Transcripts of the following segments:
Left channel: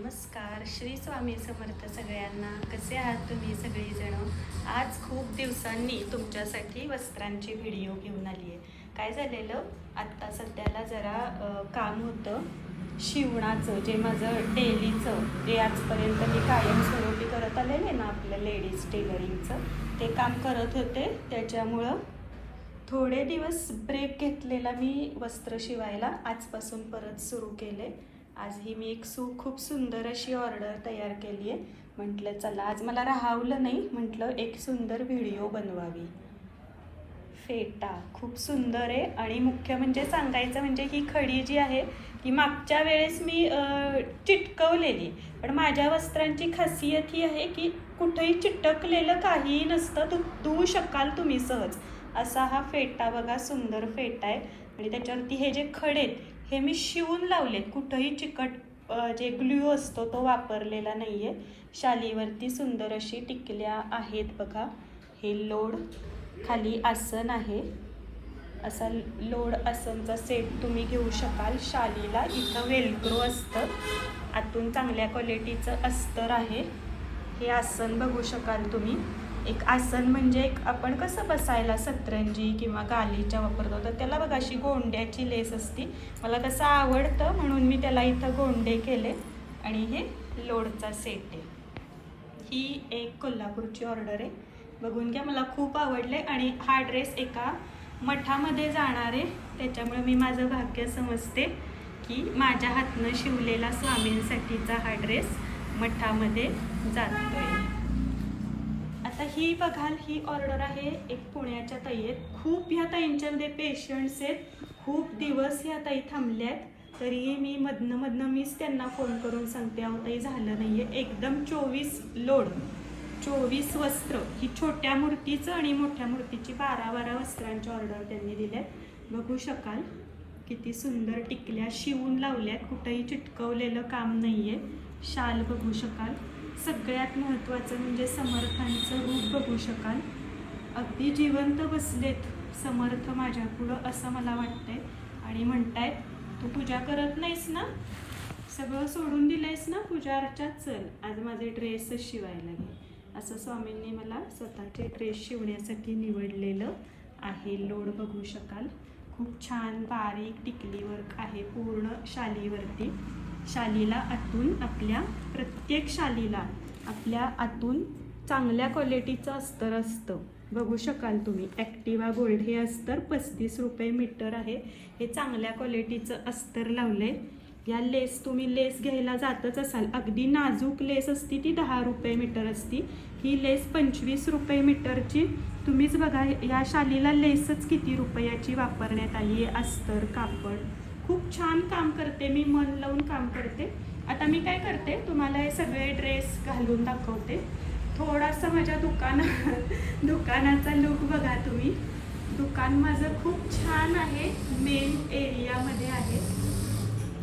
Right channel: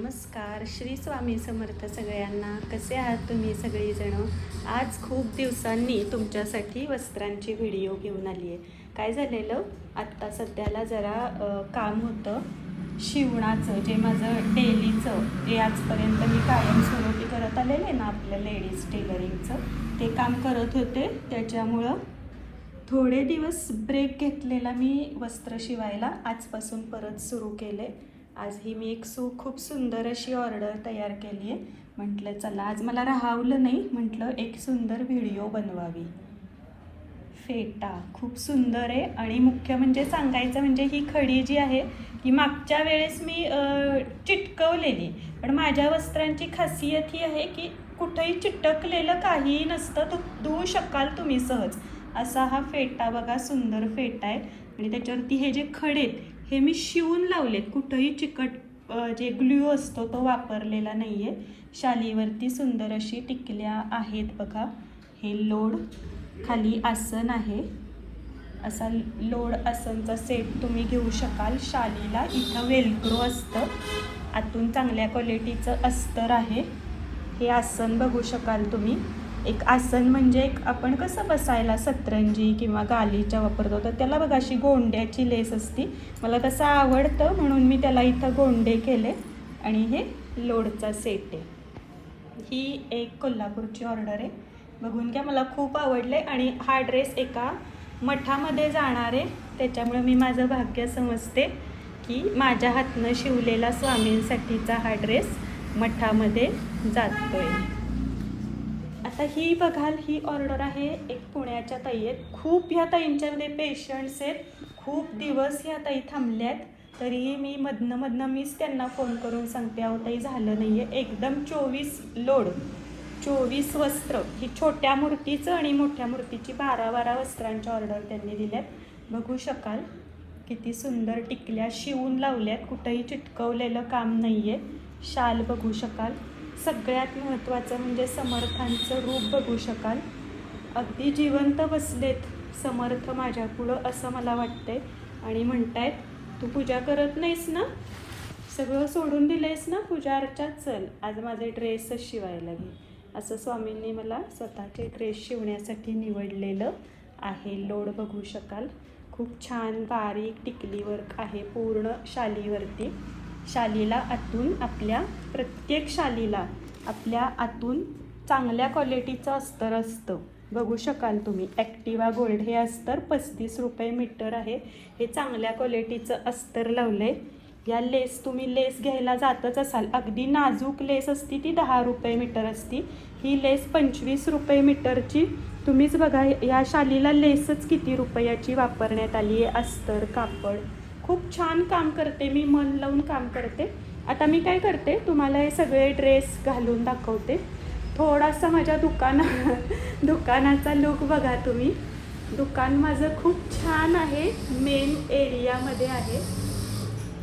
नमस्कार श्री स्वामी समर्थ सगळ्यांना. कसे आहात तुम्ही सगळीजण? आज खूप दिवसांनी तुमच्यासाठी वस्त्रांची व्हिडिओ घेऊन आली आहे काय झालेलं? आत्ता सध्याला जरा काम होतं. शिवणाचं जे माझं डेलीचं जे आजपर्यंत मी कायमस्वरूपी करत आलेले ना आपल्या लेडीज टेलरिंगचं ते काम करत होते. त्याच्यामुळं थोडे दिवस ब्रेक घेतलेला मी वस्त्र शिवायला आजपासून परत सुरू केले आज ही मी एक सू खूप सुंदर अशी ऑर्डर तयार केली आहे. म्हटलं चला आज मला राहावलं नाही. म्हटलं एक सुंदर व्हिडिओ बनवावी. फेटा खूप सुंदर आहे. आणि मुख्य म्हणजे सांगायचं म्हणजे ही खडी जी आहे ही मागच्या वेळेस मी चिटकवलेली. पण माझ्या वस्त्रांची खासियत ही आहे की कुठेही चिटकलेलं काहीही नसतं तो धुवू शकाल तुम्ही सहज. असा हा फेटा बघा सुंदर फेटा आहे. आणि त्याच्यावरती हे जे खडे हे मी शिवून लावले. कुठंही चिकट जे ग्ल्यू असतो तो वापरलेला नाही आहे शालीवरती सुंदर अशी टिकल्या आहेत बघा. हे लोड खाली आसन आहे. असा लोड आसनचा सेट तुम्ही घेऊ शकाल. शालीला इथं वेलक्रो असतं. आतून चांगल्या क्वालिटीचं अस्तर आहे. हे आसन बघू शकाल तुम्ही. एक आसन म्हणजे एक आपण कसं बसायला सतरंजी किंवा गालीच्या वापरतो तर त्याला बघा अशी गोंड्याची लेस असती. मला तसं आवडतं म्हणून मी त्याला इथं गोंडे केले आणि हे लोडचा सेट आहे. ही एक कोल्हापूरची ऑर्डर आहे. बघून घ्या मला खूप आवडले आणि हा ड्रेस एका मठामध्ये जाणार आहे. त्याच्यामुळे मी माझं भाग्य समजते की माझ्या हातनं शिवलेला स्वामींसाठीचा हा ड्रेस मठामध्ये जातो आहे आता ही बघाल ही ऑर्डर आहे एक पुण्याच्या ताई आहेत खूप ह्या ताईंच्यामध्ये म्हणजे पेशंट्स आहेत. खूप दिवस ह्या ताई थांबल्यात. तरीही मी मधनं मधनं मीच त्यांना फोन करून सांगते अहो ताई झालं नाही आहे एकदम चोवीस लोड चोवीस वस्त्र. ही छोट्या मूर्तीचं आणि मोठ्या मूर्तीची बारा बारा वस्त्रांच्या ऑर्डर त्यांनी दिल्यात. बघू शकाल किती सुंदर टिकल्या शिवून लावल्यात. कुठंही चिटकवलेलं काम नाही आहे शाल बघू शकाल. सगळ्यात महत्त्वाचं म्हणजे समर्थांचं रूप बघू शकाल. अगदी जिवंत बसलेत समर्थ माझ्यापुढं असं मला वाटतंय. आणि म्हणतायत तू पूजा करत नाहीस ना? सगळं सोडून दिलंयस ना पूजा अर्चात? चल आज माझे ड्रेसच शिवायला घे. असं स्वामींनी मला स्वतःचे ड्रेस शिवण्यासाठी निवडलेलं आहे. लोड बघू शकाल. खूप छान बारीक टिकली वर्क आहे पूर्ण शालीवरती. शालीला आतून आपल्या प्रत्येक शालीला आपल्या आतून चांगल्या क्वालिटीचं अस्तर असतं. बघू शकाल तुम्ही ॲक्टिवा गोल्ड हे अस्तर पस्तीस रुपये मीटर आहे. हे चांगल्या क्वालिटीचं अस्तर लावलं आहे या लेस तुम्ही लेस घ्यायला जातच असाल. अगदी नाजूक लेस असती ती दहा रुपये मीटर असती. ही लेस पंचवीस रुपये मीटरची तुम्हीच बघा या शालीला लेसच किती रुपयाची वापरण्यात आली आहे? अस्तर कापड. खूप छान काम करते मी मन लावून काम करते. आता मी काय करते तुम्हाला हे सगळे ड्रेस घालून दाखवते. थोडासा माझ्या दुकाना दुकानाचा लुक बघा तुम्ही. दुकान माझं खूप छान आहे मेन एरियामध्ये आहे.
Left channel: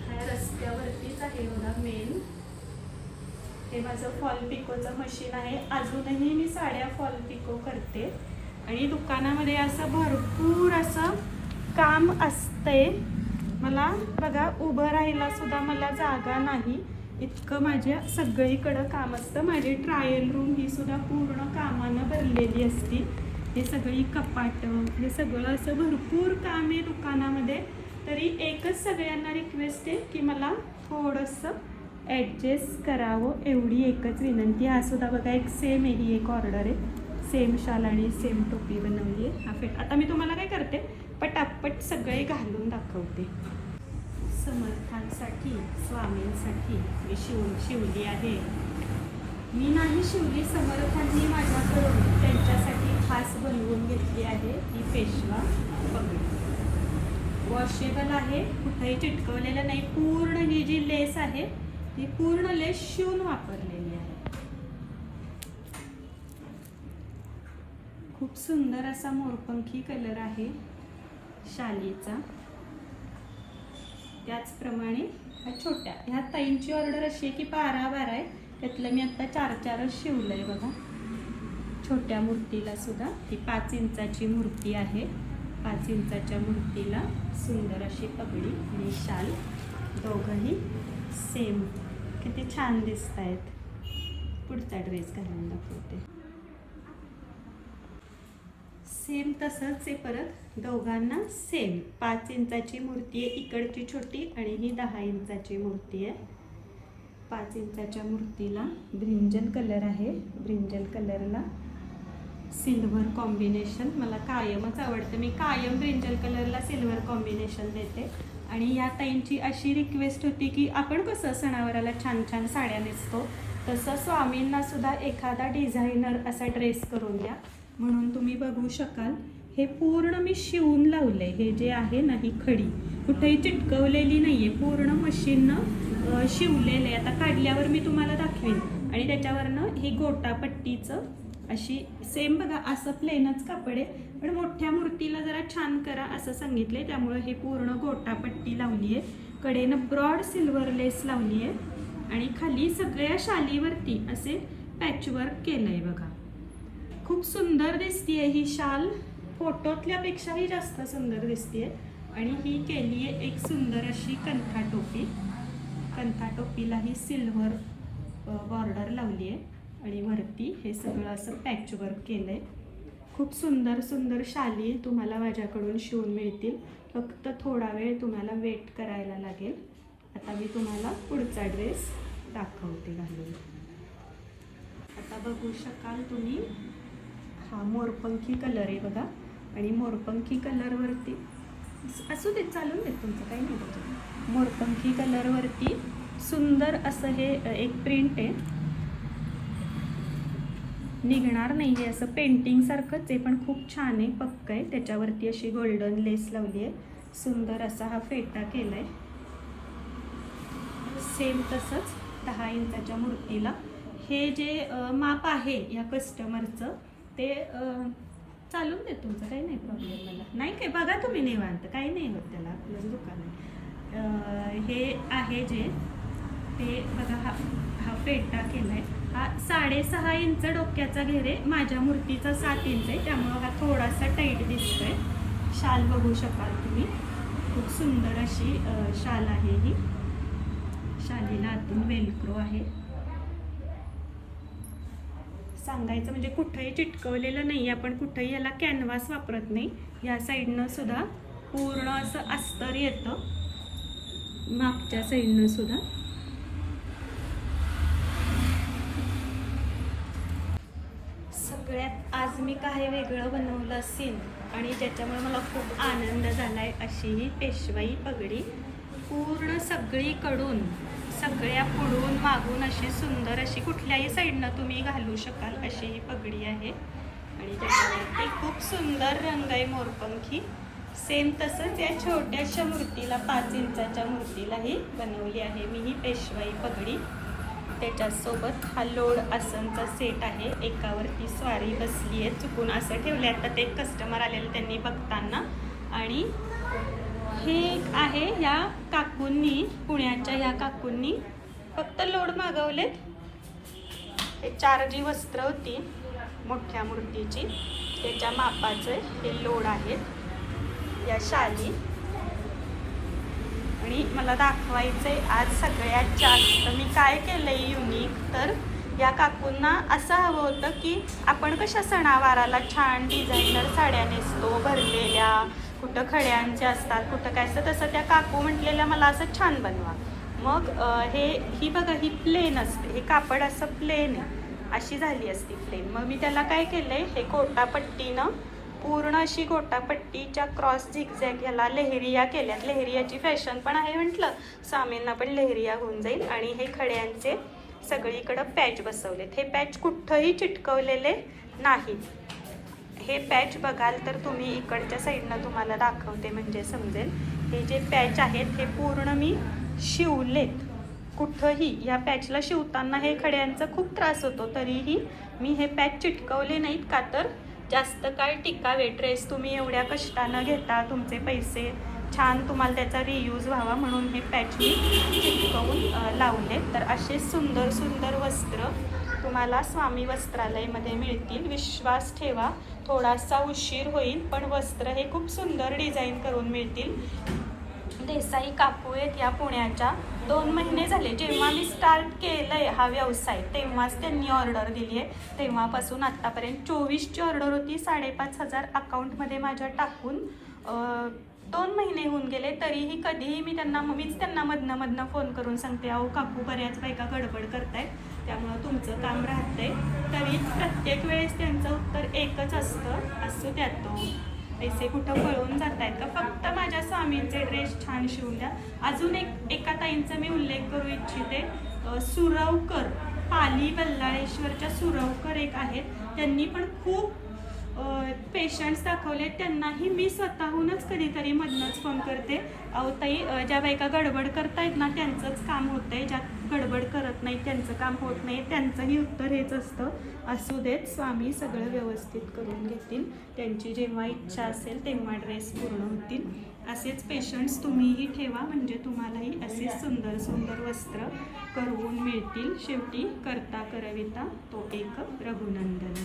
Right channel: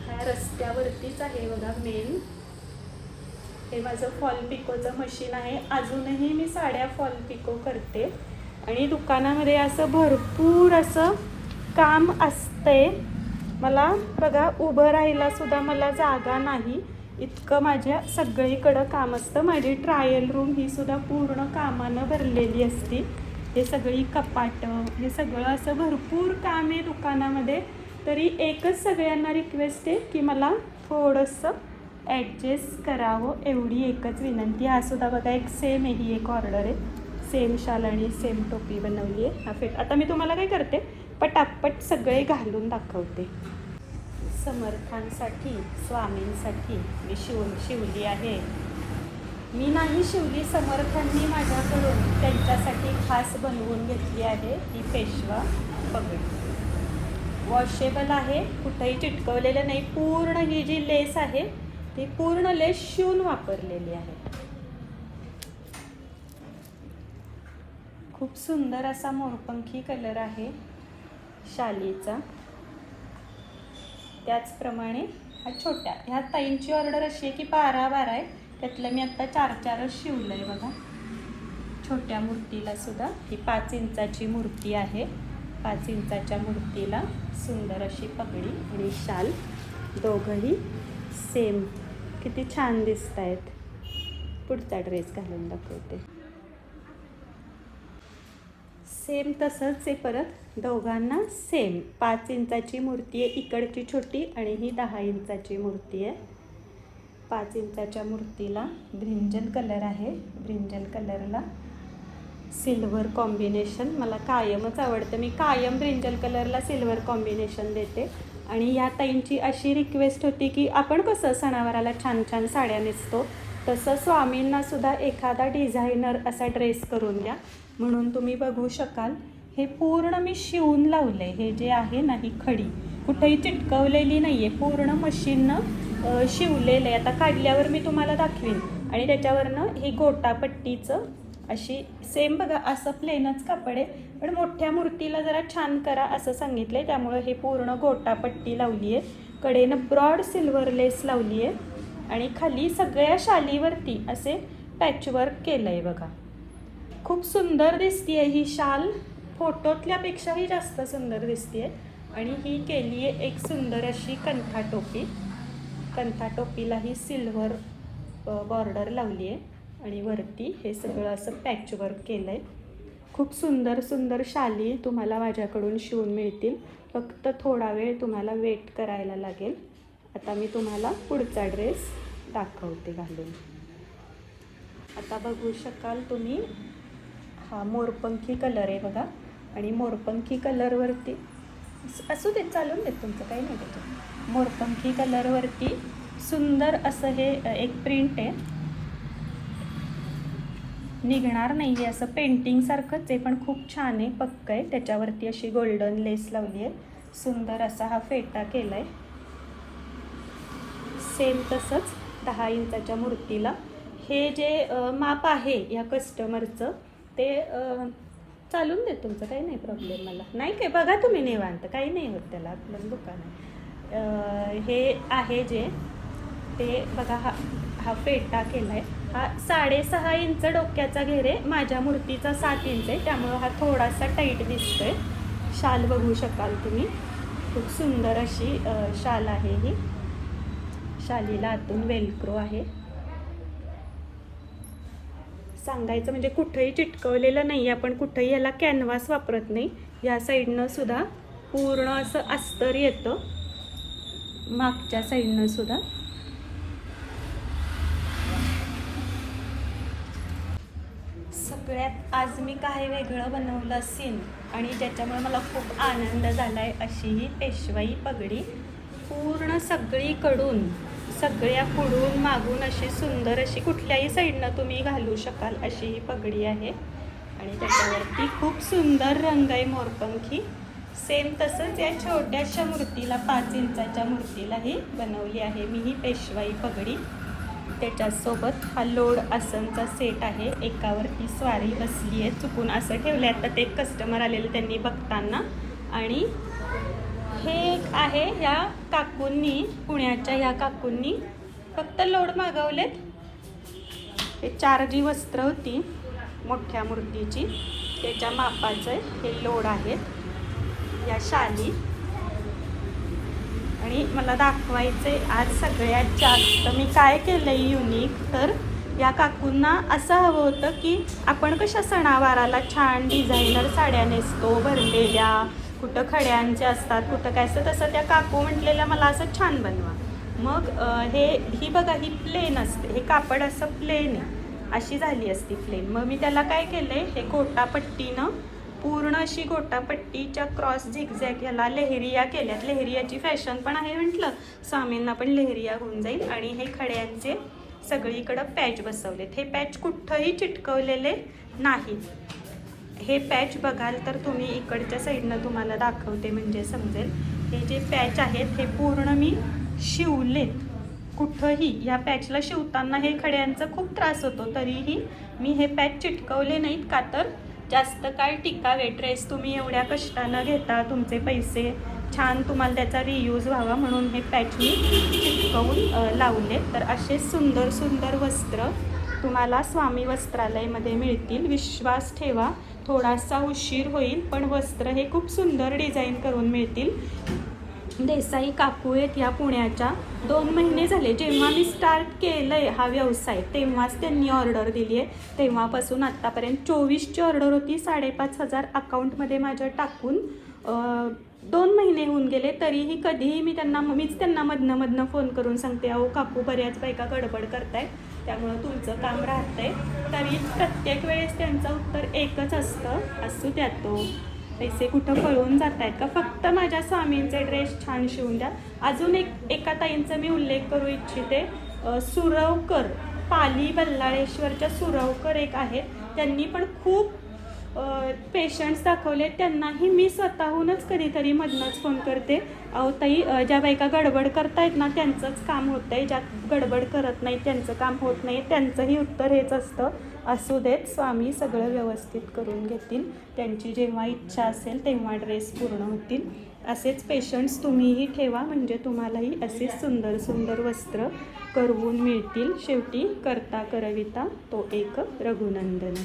ह्या रस्त्यावरतीच आहे बघा मेन हे माझं फॉल पिकोचं मशीन आहे. अजूनही मी साड्या फॉल पिको करते. आणि दुकानामध्ये असं भरपूर असं काम असतंय. मला बघा उभं राहायला सुद्धा मला जागा नाही. इतकं माझ्या सगळीकडं काम असतं. माझी ट्रायल रूम ही सुद्धा पूर्ण कामानं भरलेली असते. हे सगळी कपाटं हे सगळं असं भरपूर काम आहे दुकानामध्ये. तरी एकच सगळ्यांना रिक्वेस्ट आहे की मला थोडंसं ॲडजस्ट करावं एवढी एकच विनंती हा सुद्धा बघा एक सेम आहे ही एक ऑर्डर आहे. सेम शाल आणि सेम टोपी बनवली आहे. हा फेट आता मी तुम्हाला काय करते पटापट सगळे घालून दाखवते. समर्थांसाठी स्वामींसाठी मी शिवून शिवली आहे. मी नाही शिवली समर्थांनी माझ्याकडून. त्यांच्यासाठी खास बनवून घेतली आहे ही पेशवा. पगडी वॉशेबल आहे. कुठंही चिटकवलेलं नाही. पूर्ण ही जी लेस आहे ती पूर्ण लेस शिवून वापरलेली आहे. खूप सुंदर असा मोरपंखी कलर आहे. शालीचा. त्याचप्रमाणे ह्या छोट्या ह्या ताईंची ऑर्डर अशी आहे की बारा बारा आहे. त्यातलं मी आत्ता चार चारच शिवलं आहे बघा. छोट्या मूर्तीला सुद्धा. ही पाच इंचाची मूर्ती आहे. पाच इंचाच्या मूर्तीला सुंदर अशी पगडी आणि शाल. दोघंही सेम किती छान दिसत आहेत पुढचा ड्रेस घालून दाखवते. सेम तसंच आहे परत दोघांना सेम पाच इंचाची मूर्ती आहे इकडची छोटी आणि ही दहा इंचाची मूर्ती आहे. पाच इंचाच्या मूर्तीला ब्रिंजल कलर आहे. ब्रिंजल कलरला सिल्वर कॉम्बिनेशन मला कायमच आवडतं. मी कायम ब्रिंजल कलरला सिल्वर कॉम्बिनेशन देते. आणि या ताईंची अशी रिक्वेस्ट होती की आपण कसं सणावाराला छान छान साड्या नेसतो? तसं स्वामींना सुद्धा एखादा डिझायनर असा ड्रेस करून द्या. म्हणून तुम्ही बघू शकाल हे पूर्ण मी शिवून लावले हे जे आहे ना ही खडी कुठेही चिटकवलेली नाही आहे पूर्ण मशीननं शिवलेलं आहे आता काढल्यावर मी तुम्हाला दाखवीन. आणि त्याच्यावरनं ही गोटापट्टीचं अशी सेम बघा असं प्लेनच कापड आहे. पण मोठ्या मूर्तीला जरा छान करा असं सांगितलं आहे त्यामुळं हे पूर्ण गोटापट्टी लावली आहे कडेनं ब्रॉड सिल्वर लेस लावली आहे आणि खाली सगळ्या शालीवरती असे पॅचवर्क केलं आहे बघा. खूप सुंदर दिसतीये ही शाल. फोटोतल्यापेक्षाही जास्त सुंदर दिसतीये. आणि ही केली आहे एक सुंदर अशी कंथा टोपी. कंथा टोपीला ही सिल्वर बॉर्डर लावली आहे आणि वरती हे सगळं असं पॅचवर्क केलं आहे खूप सुंदर सुंदर शाली तुम्हाला माझ्याकडून शिवून मिळतील. फक्त थोडा वेळ तुम्हाला वेट करायला लागेल. आता मी तुम्हाला पुढचा ड्रेस दाखवते घालून. आता बघू शकाल तुम्ही हा मोरपंखी कलर आहे बघा. आणि मोरपंखी कलरवरती असू दे चालून देत तुमचं काही नाही त्याच्यात मोरपंखी कलरवरती सुंदर असं हे एक प्रिंट आहे. निघणार नाही आहे असं पेंटिंगसारखंच आहे पण खूप छान आहे पक्क आहे. त्याच्यावरती अशी गोल्डन लेस लावली आहे. सुंदर असा हा फेटा केला आहे सेम तसंच दहा इंचाच्या मूर्तीला. हे जे माप आहे या कस्टमरचं ते चालून देत तुमचं काही नाही प्रॉब्लेम मला. नाही काय बघा तुम्ही निवांत काही नाही होत त्याला आपलं दुकान. आहे हे आहे जे ते बघा हा हा फेटा आहे हा साडेसहा इंच डोक्याचा घेरे माझ्या मूर्तीचा सात इंच आहे त्यामुळं हा थोडासा टाईट दिसतोय. शाल बघू शकाल तुम्ही. खूप सुंदर अशी शाल आहे ही. शालीला आतून वेलक्रो आहे. सांगायचं म्हणजे कुठंही चिटकवलेलं नाही आपण कुठंही याला कॅनव्हास वापरत नाही. या साईडनं सुद्धा पूर्ण असं अस्तर येतं. मागच्या साईडनं सुद्धा. सगळ्यात आज मी काही वेगळं बनवलं असेल आणि त्याच्यामुळे मला खूप आनंद झाला आहे अशी ही पेशवाई पगडी पूर्ण सगळीकडून सगळ्या पुढून मागून अशी सुंदर अशी कुठल्याही साईडनं तुम्ही घालू शकाल अशी ही पगडी आहे. आणि त्याच्यावरती खूप सुंदर रंग आहे मोरपंखी सेम तसंच या छोट्याशा मूर्तीला पाच इंचाच्या मूर्तीलाही बनवली आहे मी ही पेशवाई पगडी. त्याच्यासोबत हा लोड आसनचा सेट आहे. एकावरती स्वारी बसली आहे चुकून. असं ठेवलं आहे आता ते कस्टमर आलेलं त्यांनी बघताना. आणि हे एक आहे ह्या काकूंनी पुण्याच्या ह्या काकूंनी फक्त लोड मागवलेत. हे चार जी वस्त्र होती मोठ्या मूर्तीची. त्याच्या मापाचे हे लोड आहेत. या शाली. आणि मला दाखवायचे आज सगळ्यात जास्त मी काय केलंय युनिक तर या काकूंना असं हवं होतं की आपण कशा सणावाराला छान डिझायनर साड्या नेसतो भरलेल्या कुठं खड्यांचे असतात कुठं काय असतं तसं त्या काकू म्हटलेल्या मला असं छान बनवा. मग हे ही बघा ही प्लेन असते. हे कापड असं प्लेन आहे. अशी झाली असती प्लेन मग मी त्याला काय केलंय हे गोटापट्टीनं पूर्ण अशी गोटापट्टीच्या क्रॉस झिगझॅग ह्याला लेहरिया केल्यात. लेहरियाची फॅशन पण आहे म्हटलं. स्वामींना पण लेहरिया होऊन जाईल. आणि हे खड्यांचे सगळीकडं पॅच बसवलेत. हे पॅच कुठंही चिटकवलेले नाहीत. हे पॅच बघाल तर तुम्ही इकडच्या साईडनं तुम्हाला दाखवते म्हणजे समजेल. हे जे पॅच आहेत हे पूर्ण मी शिवलेत. कुठंही या पॅचला शिवताना हे खड्यांचा खूप त्रास होतो. तरीही मी हे पॅच चिटकवले नाहीत का तर? जास्त काळ टिकावे. ड्रेस तुम्ही एवढ्या कष्टानं घेता तुमचे पैसे छान तुम्हाला त्याचा रियूज व्हावा म्हणून हे पॅच मी चिटकवून लावले तर असे सुंदर सुंदर वस्त्र तुम्हाला स्वामी वस्त्रालयमध्ये मिळतील. विश्वास ठेवा. थोडासा उशीर होईल पण वस्त्र हे खूप सुंदर डिझाईन करून मिळतील. देसाई काकू आहेत या पुण्याच्या. दोन महिने झाले जेव्हा मी स्टार्ट केलंय हा व्यवसाय तेव्हाच त्यांनी ऑर्डर दिली आहे. तेव्हापासून आत्तापर्यंत चोवीसची ऑर्डर होती साडेपाच हजार अकाउंटमध्ये माझ्या टाकून दोन महिने होऊन गेले तरीही कधीही मी त्यांना मीच त्यांना मधनं मधनं फोन करून सांगते अहो काकू बऱ्याच बायका गडबड करतायत. त्यामुळं तुमचं काम राहतंय. तरी प्रत्येक वेळेस त्यांचं उत्तर एकच असतं असू द्या तो. पैसे कुठं पळून जात आहेत का? फक्त माझ्या स्वामींचे ड्रेस छान शिवून द्या. अजून एक एका ताईंचा मी उल्लेख करू इच्छिते. सुरवकर पाली बल्लाळेश्वरच्या सुरवकर एक आहेत. त्यांनी पण खूप पेशंट्स दाखवले त्यांनाही मी स्वतःहूनच कधीतरी मधनंच फोन करते. अहो ताई ज्या बायका गडबड करतायत ना त्यांचंच काम होतं आहे ज्या गडबड करत नाही त्यांचं काम होत नाही. त्यांचंही उत्तर हेच असतं. असू देत स्वामी सगळं व्यवस्थित करून घेतील. त्यांची जेव्हा इच्छा असेल तेव्हा ड्रेस पूर्ण होतील. असेच पेशंट्स तुम्हीही ठेवा. म्हणजे तुम्हालाही असेच सुंदर सुंदर वस्त्र करवून मिळतील. शेवटी करता करविता तो एक रघुनंदन.